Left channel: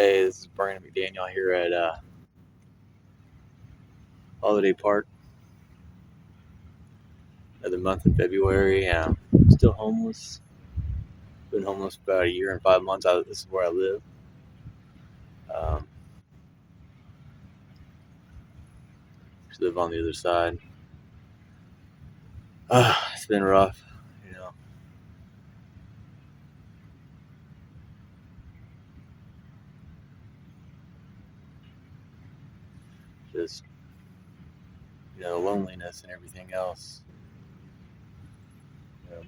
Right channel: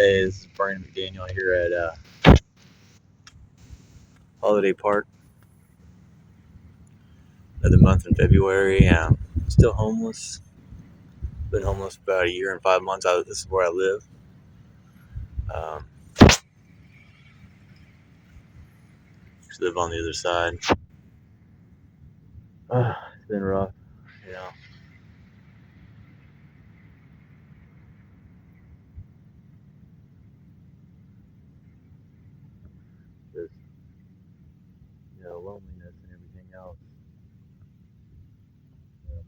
Hey, this is Brandon McDaniel here at Holiday Park. Another month in February. Still homeless. Been homeless for about a year and 5 months. This is where I live. Um, just live on the other side. It's been rough, you know. Just loneliness and everything else.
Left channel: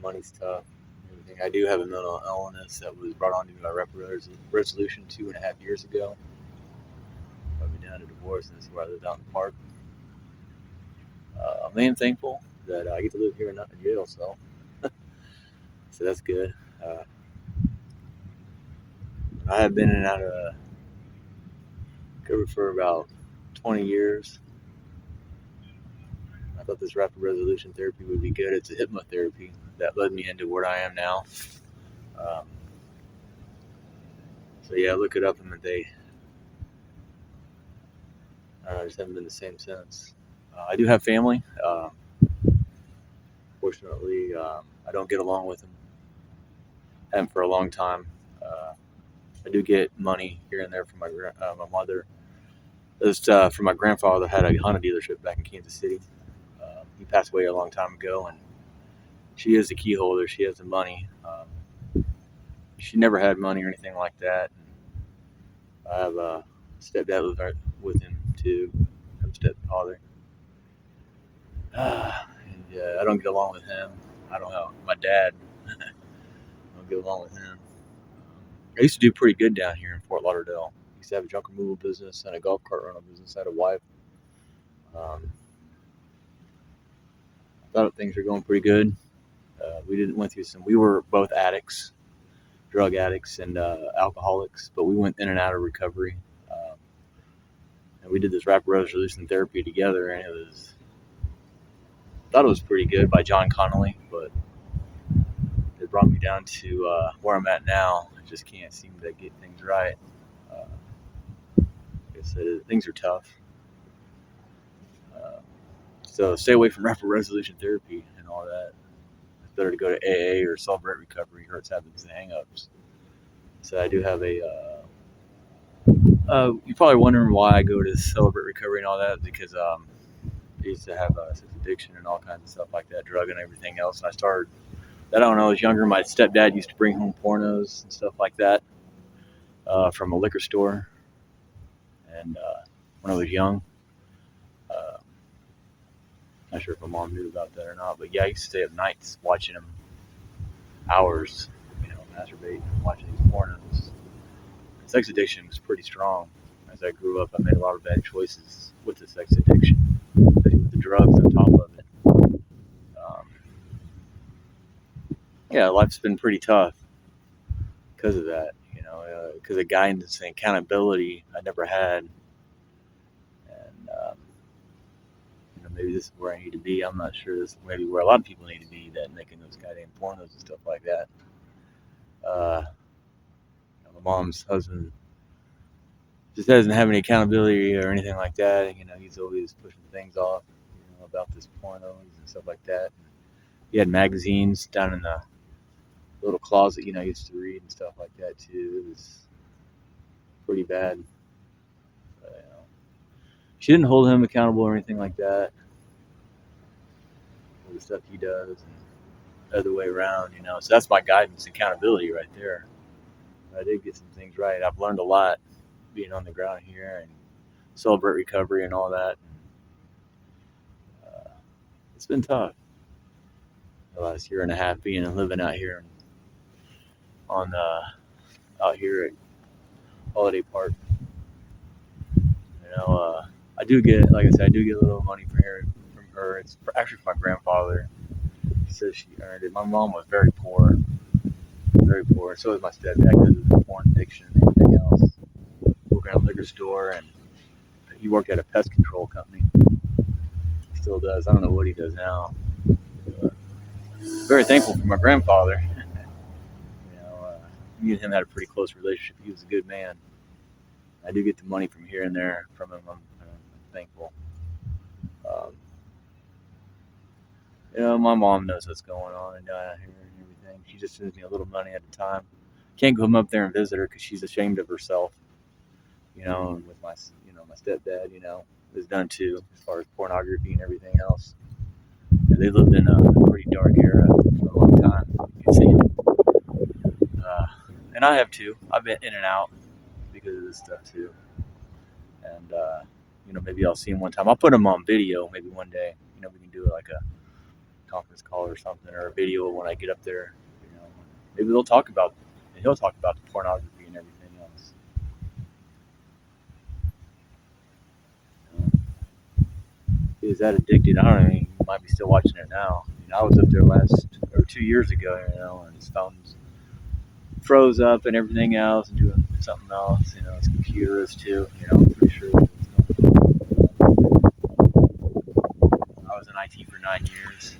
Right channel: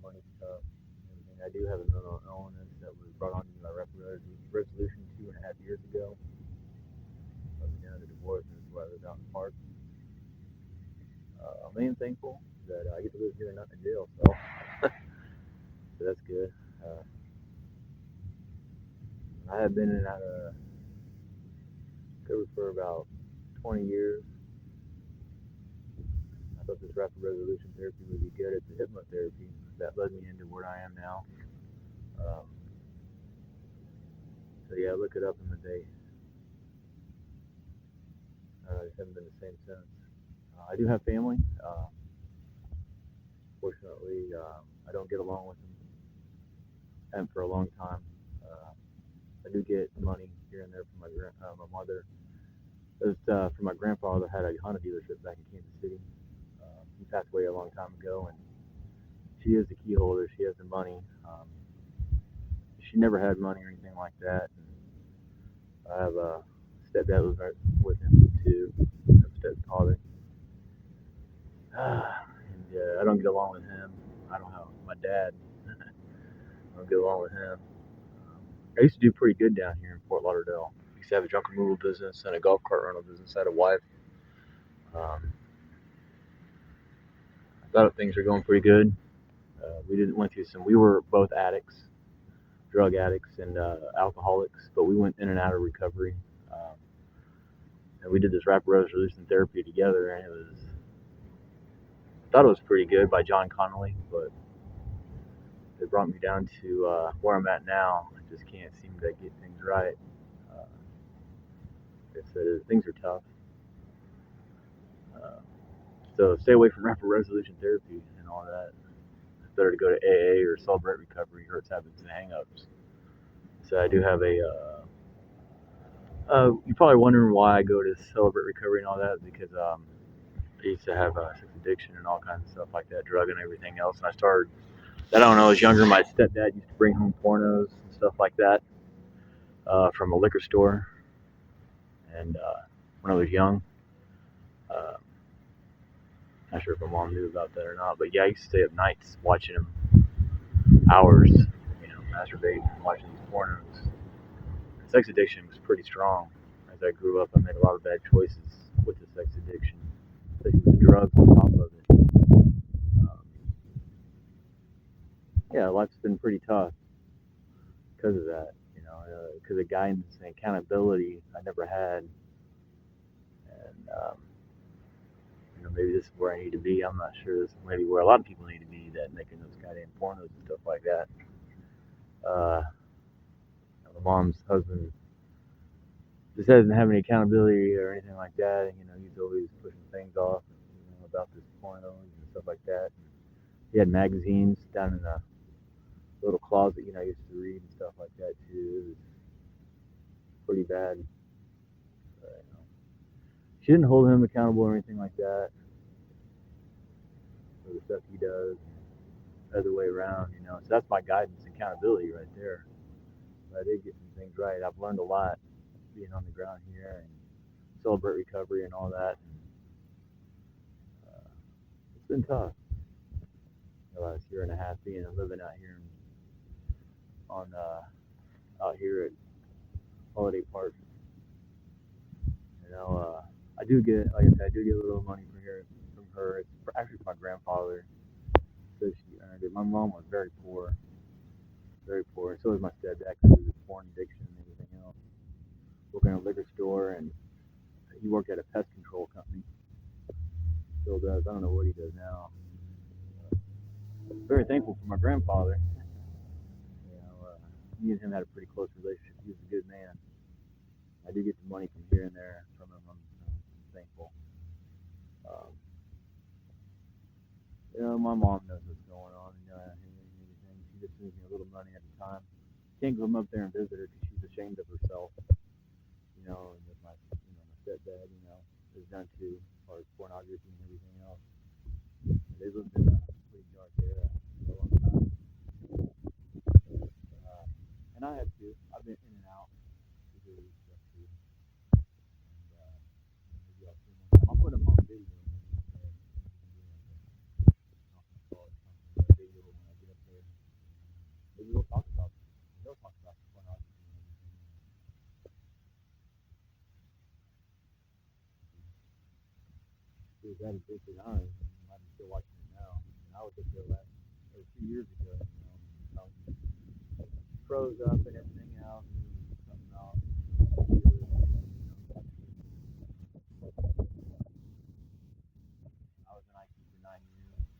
Money's tough. Everything. I do have a mental illness that was brought on to me by resolution 2.5 years ago. I've been down to divorce, and this is where I live out in the park. I am thankful that I get to live here and not in jail, so that's good. I have been in and out of recovery for about 20 years. I thought this rapid resolution therapy would be good. It's a hypnotherapy that led me into where I am now. Um, so yeah, look it up, and I just haven't been the same since. I do have family. Fortunately, I don't get along with them. Haven't for a long time. I do get money here and there from my mother. Just from my grandfather that had a Honda dealership back in Kansas City. He passed away a long time ago, and she is the key holder. She has the money. She never had money or anything like that. I have a stepdad lives right with him too. I have a stepfather. I don't get along with him. I don't have my dad. I don't get along with him. I used to do pretty good down here in Fort Lauderdale. I used to have a junk removal business and a golf cart rental business. I had a wife. I thought things were going pretty good. We were both addicts, drug addicts and alcoholics, but we went in and out of recovery. And we did this rapid resolution therapy together, and I thought it was pretty good by John Connolly, but it brought me down to where I'm at now. I just can't seem to get things right. Like I said, things are tough. So stay away from rapid resolution therapy and all that. It's better to go to AA or Celebrate Recovery. Hurts habits and hang-ups. So I do have you're probably wondering why I go to Celebrate Recovery and all that, because I used to have sex addiction and all kinds of stuff like that, drug and everything else. And I started, I don't know, I was younger. My stepdad used to bring home pornos and stuff like that from a liquor store. And when I was young, uh, not sure if my mom knew about that or not, but yeah, I used to stay up nights watching him hours, masturbate and watching these pornos. And sex addiction was pretty strong. As I grew up, I made a lot of bad choices with the sex addiction, especially with the drugs on top of it. Um, yeah, life's been pretty tough because of that, because of guidance and accountability I never had. And, maybe this is where I need to be. I'm not sure. This is maybe where a lot of people need to be, that making those goddamn pornos and stuff like that. My mom's husband just doesn't have any accountability or anything like that. He's always pushing things off, about this pornos and stuff like that. He had magazines down in the little closet, I used to read and stuff like that too. It was pretty bad. But, she didn't hold him accountable or anything like that for the stuff he does, and other way around, So that's my guidance, accountability right there. I did get some things right. I've learned a lot being on the ground here and Celebrate Recovery and all that. It's been tough the last year and a half being and living out here out here at Holiday Park. I do get, like I said, I do get a little money from her. It's actually from my grandfather. She says she earned it. My mom was very poor, very poor. So was my stepdad because of the porn addiction and everything else. Working at a liquor store, and he worked at a pest control company. He still does. I don't know what he does now. But very thankful for my grandfather. Me and him had a pretty close relationship. He was a good man. I do get the money from here and there from him. I'm thankful. Um, my mom knows what's going on and here and everything. She just sends me a little money at a time. Can't come up there and visit her because she's ashamed of herself. And with my stepdad, is done too as far as pornography and everything else. They lived in a pretty dark era for a long time. You can see them. And I have too. I've been in and out because of this stuff too. And maybe I'll see him one time. I'll put him on video maybe one day. We can do like a conference call or something, or a video when I get up there. Maybe he'll talk about the pornography and everything else. He was that addicted. I don't know. He might be still watching it now. I was up there 2 years ago, and his phone's froze up and everything else, and doing something else. His computer is too. I'm pretty sure. I was in IT for 9 years.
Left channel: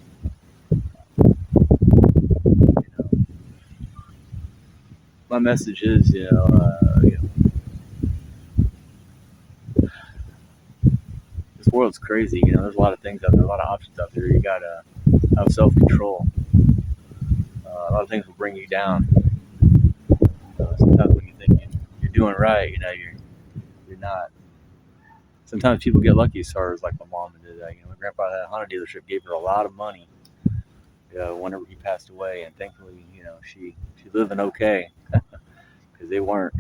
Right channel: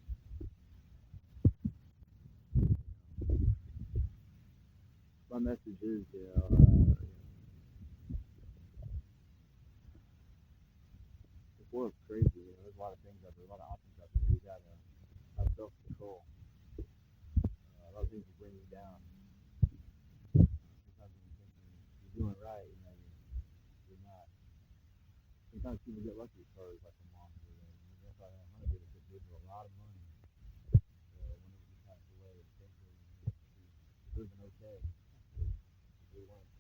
My message is, this world's crazy. There's a lot of things out there, a lot of options out there. You gotta have self-control. A lot of things will bring you down. Sometimes when you think you're doing right, you're not. Sometimes people get lucky as far as like my mom did that. My grandpa had a Honda dealership, gave her a lot of money. Whenever he passed away, and thankfully, she living okay because they weren't.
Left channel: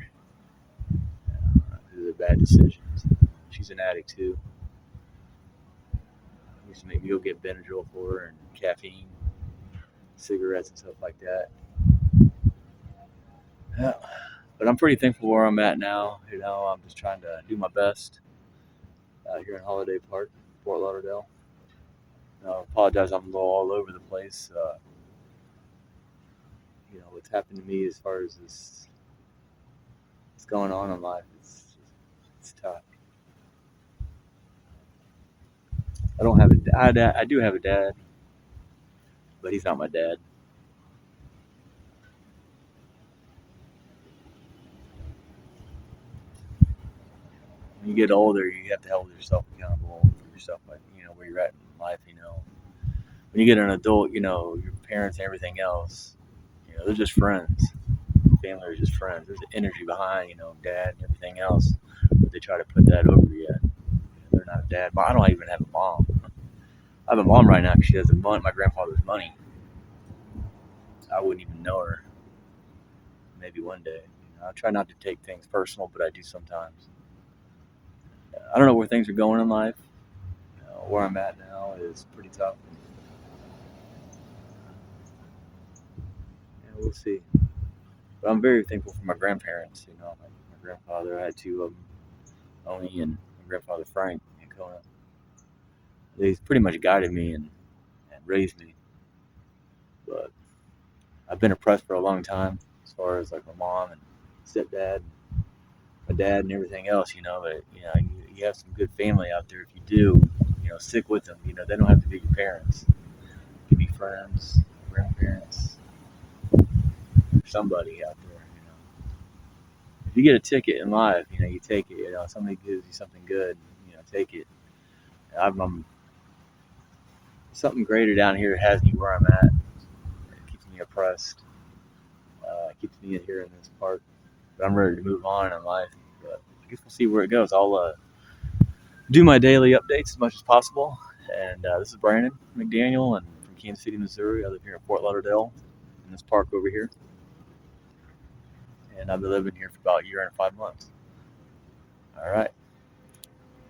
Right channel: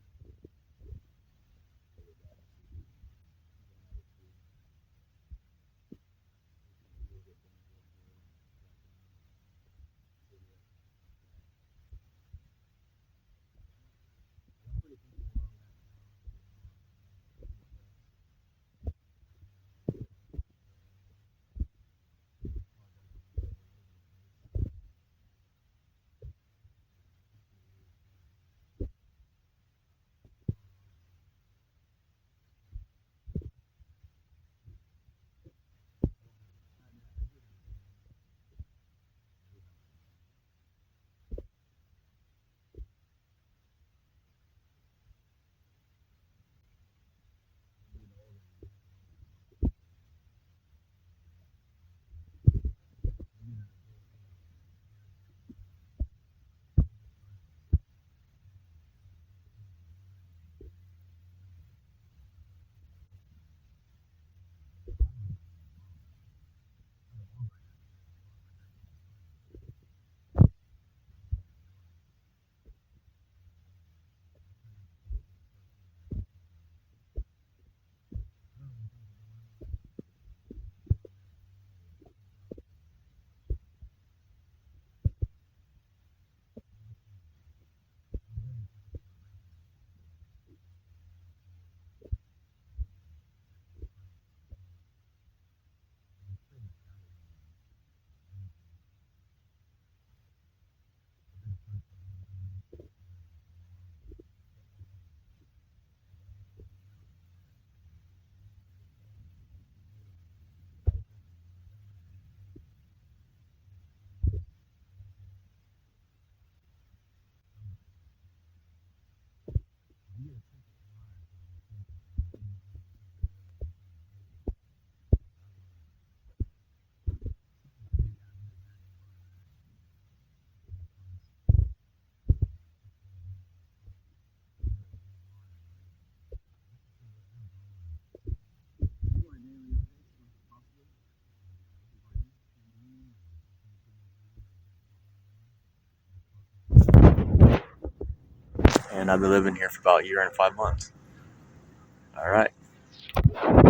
These are bad decisions. She's an addict too. I used to make me go get Benadryl for her and caffeine, cigarettes and stuff like that. Yeah. But I'm pretty thankful where I'm at now. I'm just trying to do my best out here in Holiday Park, Fort Lauderdale. I apologize, I'm a little all over the place. What's happened to me as far as what's going on in life, it's tough. I don't have a dad. I do have a dad, but he's not my dad. When you get older, you have to hold yourself accountable for yourself, like where you're at in life. When you get an adult, your parents and everything else, they're just friends. Family are just friends. There's energy behind, dad and everything else, but they try to put that over you. They're not a dad. But I don't even have a mom. I have a mom right now because she has my grandfather's money. I wouldn't even know her. Maybe one day. I try not to take things personal, but I do sometimes. I don't know where things are going in life. Where I'm at now is pretty tough. We'll see. But I'm very thankful for my grandparents. My grandfather, I had two of them, Oni and my grandfather Frank and Kona. They pretty much guided me and raised me. But I've been oppressed for a long time, as far as like my mom and stepdad, and my dad, and everything else. But you have some good family out there. If you do, stick with them. They don't have to be your parents. It could be friends, grandparents, somebody out there. If you get a ticket in life, you take it. Somebody gives you something good, take it. Something greater down here has me where I'm at. It keeps me oppressed. Keeps me here in this park. But I'm ready to move on in life. But I guess we'll see where it goes. I'll do my daily updates as much as possible. And this is Brandon McDaniel, and from Kansas City, Missouri. I live here in Fort Lauderdale, in this park over here. And I've been living here for about a year and 5 months. All right.